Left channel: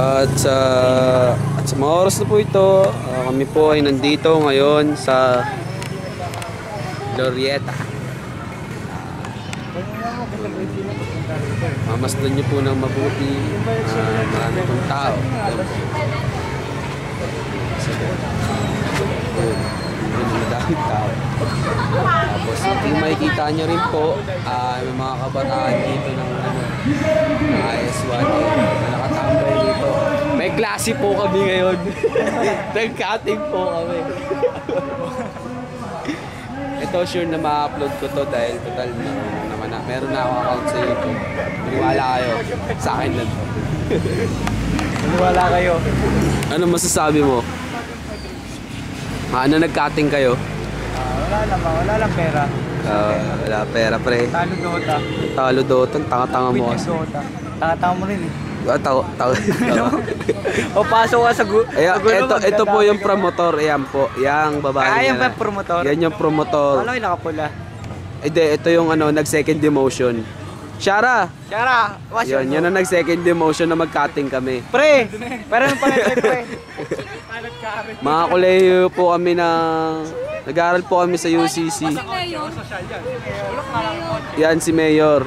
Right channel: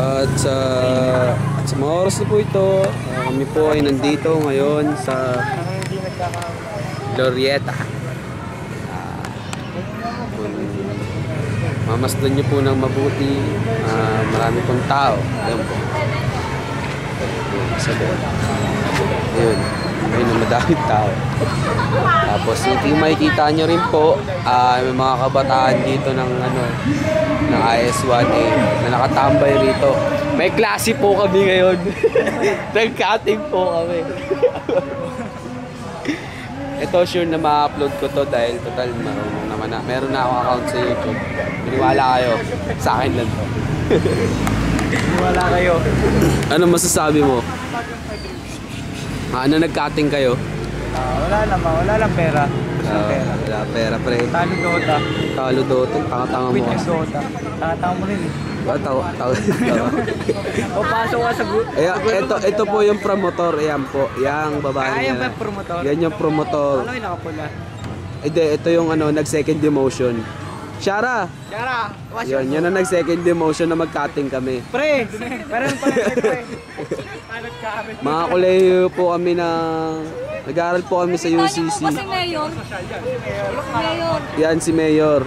At sa mga oras na po ito, kami po ay nandito ngayon sa Glorieta. Mamasdan nyo po ng mabuti, marami pong tao. Ayan po. Ayun, ayun ang madaming tao. Tapos yung makikita nyo rin po, may mga kabataan dito ng IS1A na nakatambay rito. May klase po kami ngayon. Nag-cutting po kami. Ito sure na ma-upload ko to dahil total marunong naman na. Meron na ako account sa YouTube. Maniwala kayo, sa akin lang to. Maniwala kayo. Ano masasabi mo? Ano nag-cutting kayo? Wala lang pera. Wala pera pre. Talo Dota. Talo Dota, tanga-tanga mo kasi. Dota. Tanga-tanga mo rin eh. Pasok ka sa ito po yung promotor, ayan po, yang babae niya. Yan ba promotor? Yan yung promotor. Ano yung nakapula? Hindi, ito yung nag-second demotion. Shara! Yan ang nag-second demotion na mag-cutting kami. Pre! Parang pre. Mga kuleyo po kami nag-aaral po kami sa UCC. Yan si Mayor.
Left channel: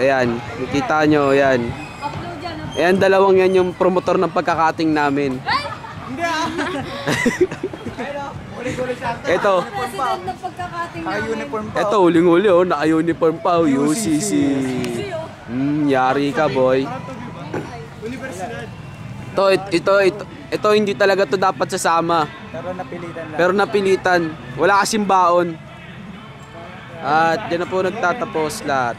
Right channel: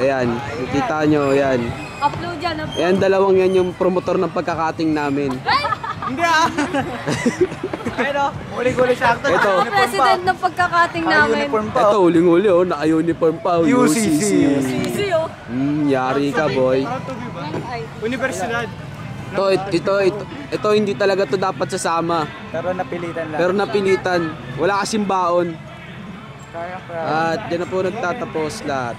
Ayan, nakita nyo, ayan. Upload yan. Ayan, dalawang yan yung promotor ng pagkakating namin. Hindi ah! Ayun o, huli-huli sa akin. Ito. President ng pagkakating namin. Uniform pa. Ito, huling-huli naka-uniform pa, UCC. Easy oh. Yari ka boy. Universidad. Ito hindi talaga to dapat sasama. Pero napilitan lang. Wala kasing baon. At yan na po nagtatapos lahat.